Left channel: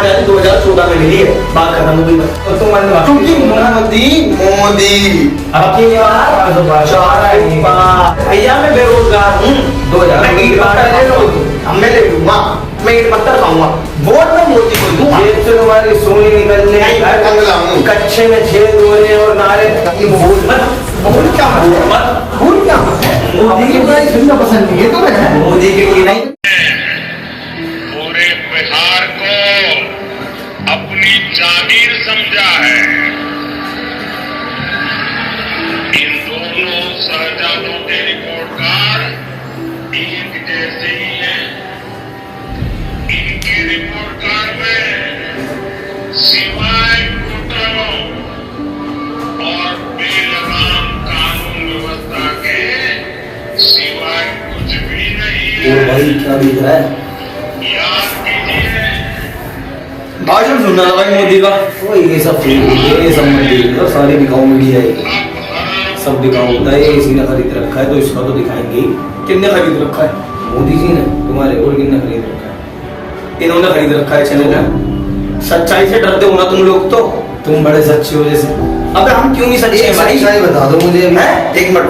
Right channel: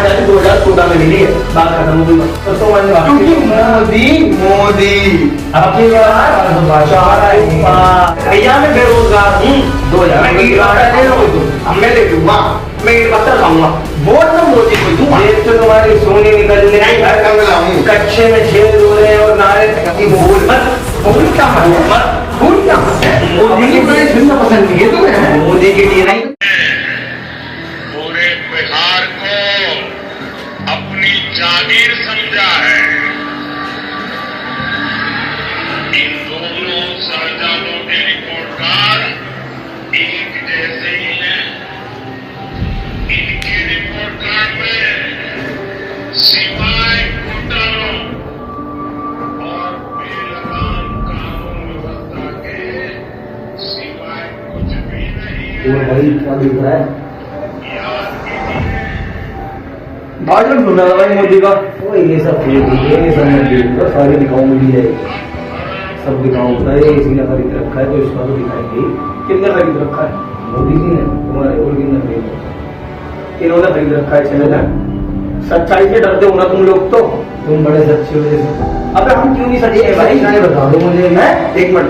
आजादी 2014 में मिली है, बात खत्म हो गई। तो तुम क्योंकि मोदी अपनी भैया मैं बेरोजगार हूँ, 2000 मैं ले लूंगा, मैं ईट पत्थर खाऊंगा, वोट में मोदी को दूंगा। जेब से तुम्हारी सोनी निकलने, कच्चे में छेद हो रहे और नारे भूल क्या मोदी की बुराई सुनना पसंद नहीं है तुम्हें, मोदी के लिए नहीं। पूरे बिहार को अपनी जागीर समझा है। इन दोनों शहजादों के रिपोर्ट कार्ड एक जैसे ही हैं। इनके रिपोर्ट कार्ड में सिवाय घोटालों और बेलगाम कानून व्यवस्था के सिवाय कुछ भी नहीं है। भाई क्या दिख रहा है? याद कीजिए, भाषण सुना भाई मोदी का, वो ये सब मंदिर सारी दिखाओ, मीडिया सब दिखाओ होता है। इसी ने खरीद रखा है तो इसका तो दिखाएंगे। किसने खरीद रखा है? मोदी जी ने। तुम्हारे और किसने खरीद रखा है? इन्होंने खरीद रखा है चैनल है। सच्चाई से डरते हो ना तुम लोग, तो तुम बड़े सच्चे हो जैसे। अबे हम क्यों नहीं सच्चे हैं भाई? सच्चाई बता दो मुझे। मैं एक मिनट,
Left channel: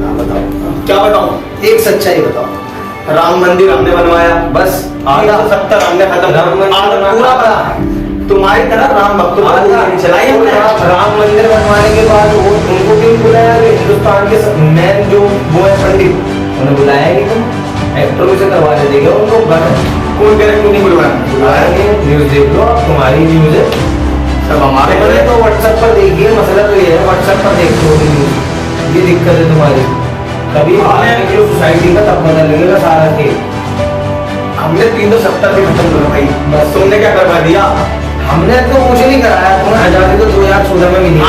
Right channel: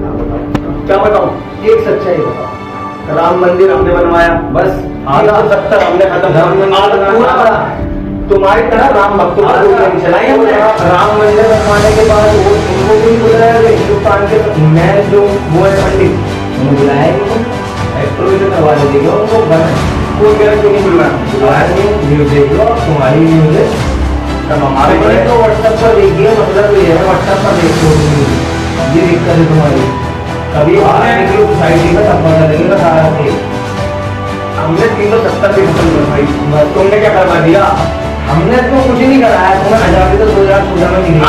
हाँ बताओ, क्या बताऊं? एक सच्चाई बताओ। राम मंदिर हमने बनवाया, बस आधा 70 हमने खत्म, आधा पूरा बना। तुम्हारी तरह राम भक्तों को चलाई हमने। राम मंदिर बनवाने के बाद वो उनको भी बुलाया, हिंदुस्तान के सब मैन जो वो है पंडित, उन्हें बुलाया नहीं। तुम एक्टरों से करवा देंगे उनको, कोई गैर क्यों नहीं बुलवाया? न्यूज देख लो, तुम्हारी न्यूज है सब हमारे बने। तो व्हाट्सएप पर देखिए, मसला तो ये है व्हाट्सएप पर देख लो न्यूज, ये दिक्कत है तुम्हारी। कभी सोसाइटी का तब पता लगेगा सारा खेल। हमने 370 भी खत्म कर भाई, बस तुमने क्या करवा दिया? हमने तो कुछ नहीं कराया। तुम्हें आजादी तो 2014 में मिली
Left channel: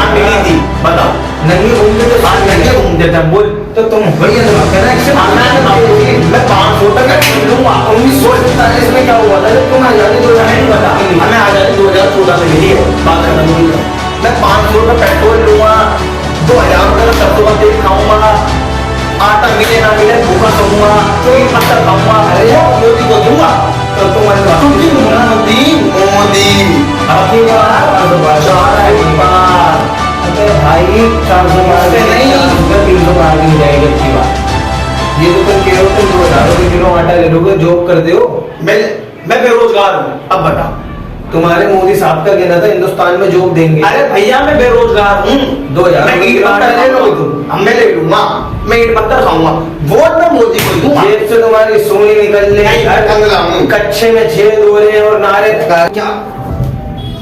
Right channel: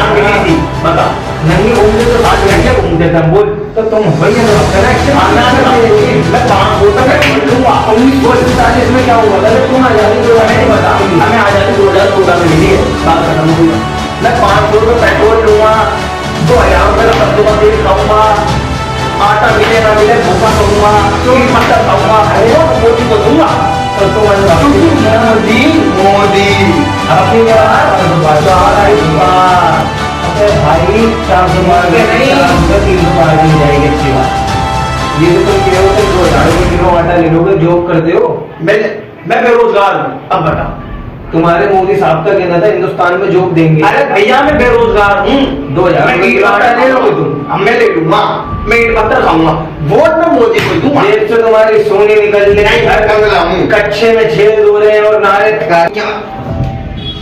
थी, बता। नहीं घूमते तो आज लड़के घूमते थे, बोल। तो तुम भैया मैं 500 तक लूंगा। 1947 में क्या हुआ था जब तुम आजादी 2000 नहीं बता? हमें आजादी 2014 में मिली है, बात खत्म हो गई। मैं 500 रुपये पेट्रोल लूंगा, 2000 रुपये सरसों का तेल खाऊंगा, आटा मिले ना मिले भूखा सोऊंगा, तो पत्थर खाऊंगा। अरे मोदी को दूंगा तो तुम मोदी अपनी भाई 400 नहीं 300 पार की जाएगी। अच्छी बात ये तो तुम कह रहे हो, तुम 2000 रुपये किलो आटा ले लोगे, जॉब करते हो। मैं बेरोजगार हूँ। अब बता, तुम्हारे मोदी साहब का कहना था हिंदुस्तान में जॉब देंगे। अरे भैया मैं बेरोजगार हूँ, 2000 ले लो तुम, मैं ले लूंगा, मैं ईट पत्थर खाऊंगा, वोट में मोदी को दूंगा। जेब से तुम्हारी सोनी निकलने, कच्चे में छेद हो रहे और नारे क्या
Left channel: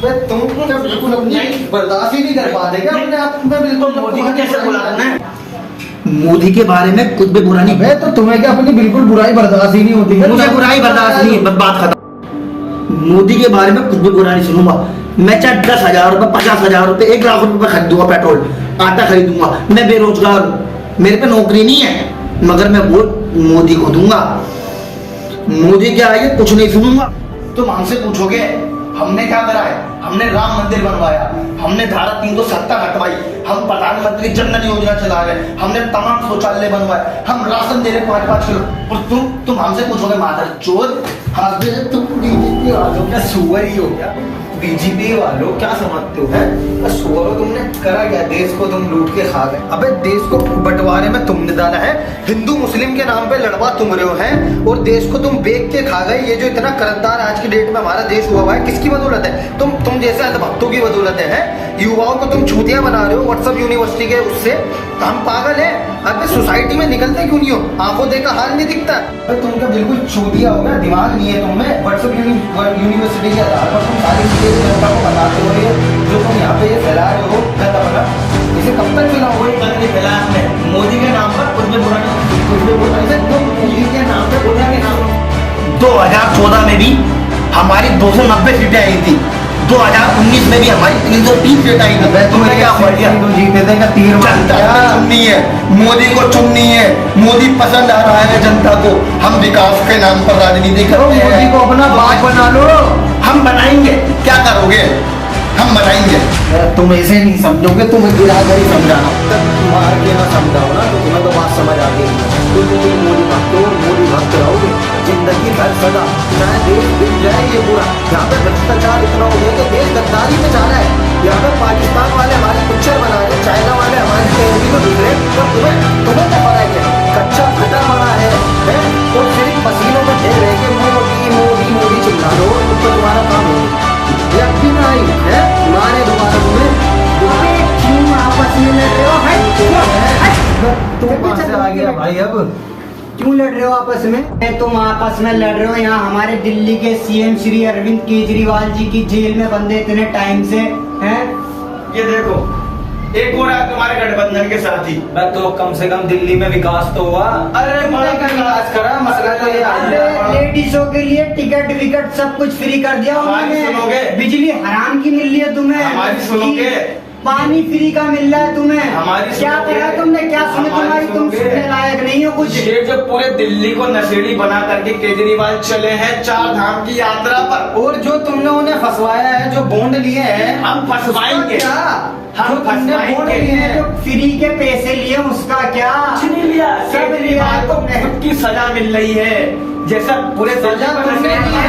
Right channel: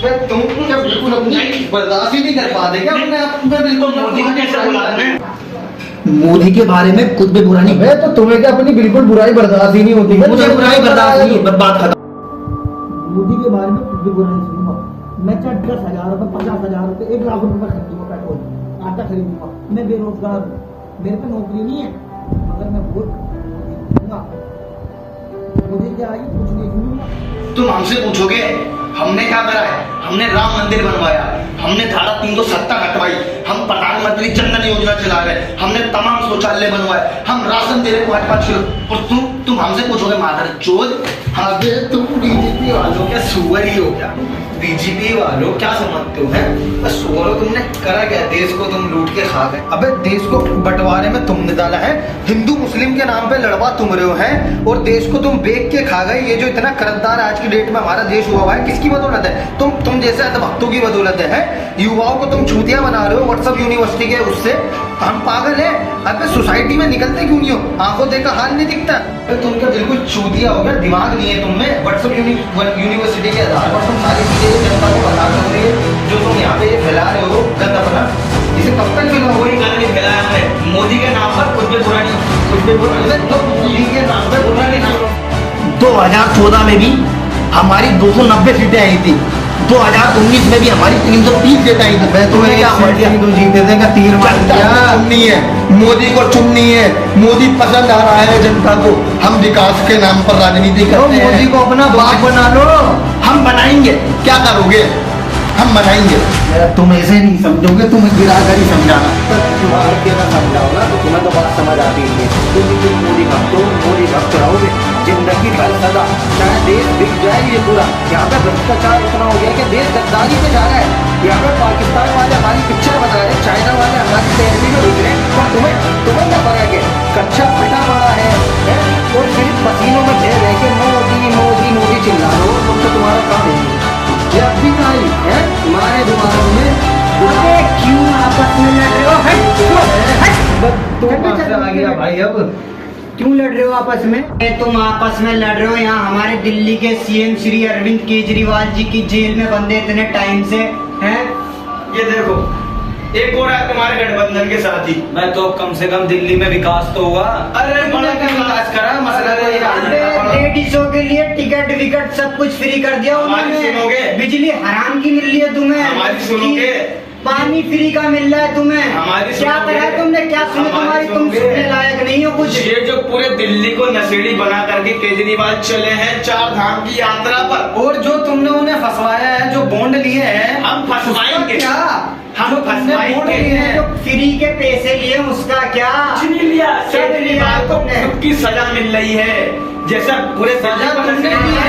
तुम बिल्कुल अपनी बर्दाश्त ही नहीं कर पाते क्या अपने आप में? बिल्कुल मोदी को कैसे बुलाना है? मोदी के बारे में कुछ भी बुरा नहीं है तो तुम्हें क्या अपनी बिल्कुल बुराई बर्दाश्त ही नहीं होती? मुझे बुराई बर्दाश्त नहीं है, बात खत्म। मोदी के बारे में कुछ भी बुरा नहीं सुनूंगा। मैं चाहे 10,000 रुपए, 50,000 रुपए, 1 लाख रुपए खरीदूंगा पेट्रोल, आटा खरीदूंगा। मैं बेरोजगार हूँ, मेरे पे नौकरी नहीं है, मगर मैं वोट मोदी को दूंगा। मोदी क्या है कुछ नहीं सुनूंगा। तुम हमसे पूछोगे हमने क्या करा है? हमने राम मंदिर बनवाया, हमने धारा 370 हटवाई, हम प्रधानमंत्री जनधन योजना चला गए, हमने तमाम शौचालय बनवाए, हम राशन दे रहे 5-5 किलो। और तुम हमसे पूछोगे मादर चोद, तुम बीजेपी वालों क्या सुअर ही हो क्या? बीजेपी वालों क्या समझते हो? है सुअरों, तुमने करा क्या? देश को तुम लूट के खा गए। अबे देश को बंटवारे में तुमने डाला है, हिंदू मुस्लिम के नाम पे लड़वा तुम रहे हो हैं, और देश को तुम बेच के खा गए। ये जो इतना कर्जदार आज की डेट में हमारा देश हुआ है, किसकी बदौलत है? तुम जैसे अंधभक्तों की बदौलत है। युवाओं को तुम छूतियां बना रहे हो व्हाट्सएप यूनिवर्सिटी के उससे। हम पागल है? अबे सोसाइटी में निकलते क्यों नहीं हो? आंखों देखा हाल नहीं दिखता? तुम क्या बिल्कुल चूतिया हो गया? दिमाग नहीं है तुम्हें? व्हाट्सएप यूनिवर्सिटी के आधार पर तुम सारी चीजें जनता को बताते हो, ये जो तुम यहाँ पे ये फैला रहे हो गंदा, इसे कब तक फैलाओगे? गंदगी फैलाया हमने मोदी के नाम पर, कुछ भी बुरा नहीं, कुछ भी बुरा नहीं, मोदी के नाम पर बुरा नहीं। 2014 में भी हमारी 290 सीटें आई थी, 2019 में भी हमारी 330 सीटें आई थी। तुम्हें क्या बढ़िया तो जीते थे क्या? तीर चुननी है, मोदी को चुननी है। मोदी पसंद आ रहा है जनता को। हम विकास के नाम पर राजनीति करते हैं। मोदी को अपना बाप बना लो। हम बनाएंगे, क्या करोगे? हम बनाएंगे। तुम ऐसे नहीं समझोगे, तुम गिराकर ही समझाना। तुम्हारा क्यों ना समझाओ ना, तो तुम्हें तो बात समझ आती नहीं है। तुम मोदी भक्त हो, मोदी भक्त रहोगे जिंदगी भर सदा, चाहे देश बिक जाए ये पूरा। यहाँ पे भ्रष्टाचार इतना हो गया कि देश गद्दारी पे जा रहा है। यहाँ पे पाकिस्तान वाले हमारी पिक्चर बना रहे हैं, चाइना वाले हमारी तहजीब में घुस रहे हैं, पर तुम्हें क्या फर्क है? कच्चा फटा पड़ा है और सिर्फ पसीनों में ढेर है कि मोदी मोदी मोदी चिल्ला दो, तो तुम्हारा काम होगा। ये अब भी ना आई है मारे दोबारा तुम्हें। अबे क्यों आपस में लड़ रहे हो? तुम कहाँ से आ गया भाई अब? क्यों लड़ रहे हो आपस में? तुम आपस में लड़ रहे हो यहाँ हमारे दिल्ली के सीएम श्री अरविंद केजरीवाल जी की जेल में बंदे इतने टाइम से हैं। ये देखो, एक और है तुम्हारे गठबंधन के साथ ही। मैं तो कम से कम दिल्ली में विकास तो हुआ। अरे बड़ा का विकास करा, मसला तो ये लेडीजों के लिए टिकट विकट सब कुछ फ्री कर दिया उन्होंने। बिजली हराम की मिल रही है तुम्हें, हमारी सुनोगे? पानी फ्री का मिल रहा है तुम्हें। हमारी क्या करा तुमने, क्या सुने तुम्हारी, तुम सुनने लायक नहीं हो कुछ। ये जो पूरे दिल्ली को नशेड़ी बना करके केजरीवाल चले हैं 4 धाम की यात्रा पर, और जो तुमने उन्हें फंसवाया है, जो बॉन्ड लिए हैं, हम फंसवाएंगे। क्या हम फंसवाएंगे हैं, जो फ्री के पैसे लिए उसका क्या? कुछ नहीं लिया, सब लिया को खुद की सजा मिल रही है। जैसा पूरे सजा तुमने दी है।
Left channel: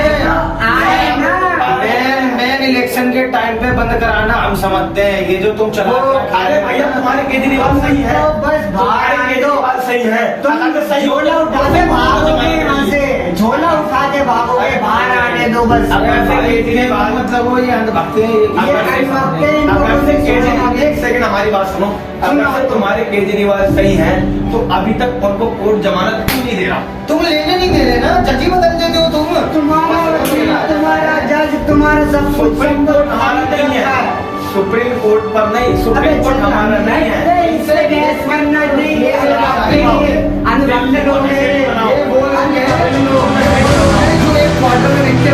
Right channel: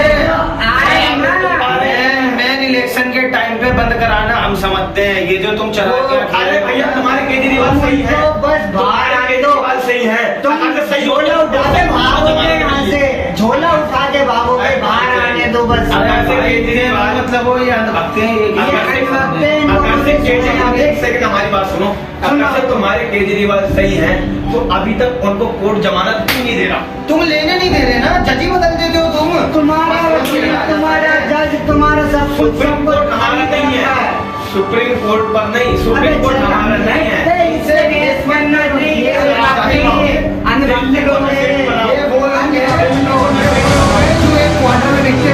मैन इलेक्शन के टाइम पे बंद कराना हम समझते हैं, ये जो तुम चला अरे भैया तुम्हारे केजरीवाल सही है, बस तुम्हारे केजरीवाल सही है। तुम झोला उठा के भागोगे यहाँ से, झोला उठा के भागोगे, बाहर आने दो बस। केजरीवाल मतलब वो ये अंधभक्त हैं, एक सेकंड हमारी बात सुनो। अगर से तुम्हारे केजरीवाल सही है तो अभी तक उनको कोर्ट जमानत क्यों नहीं दे रहा? तुम लेने नहीं दे रहे ना, जज ही बदल देते हो तुम। तुम्हारा वकील, तुम्हारा जज, तुम्हारा सब कुछ सुप्रीम कोर्ट हमारा नहीं है, सुप्रीम कोर्ट पर नहीं, सुप्रीम कोर्ट हमारा नहीं है। इससे केस बनना चाहिए। ये बोल जो एक क्वार्टर में लिख के